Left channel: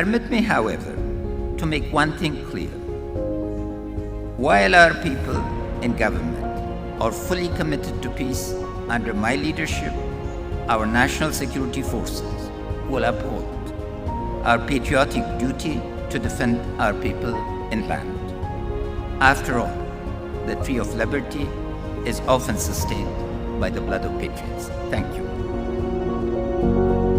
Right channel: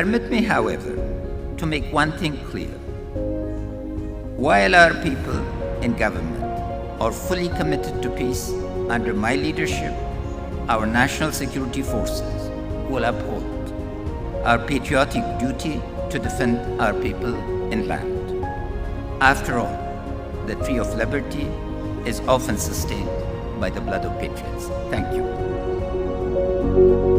Permit me, however, to make one thing clear. While our people in government are fully committed to peace, under my leadership, our national security forces will uphold our patriotic duty to defend our people in land. After all, the tree of liberty is often sustained by the blood of patriots. Thank you.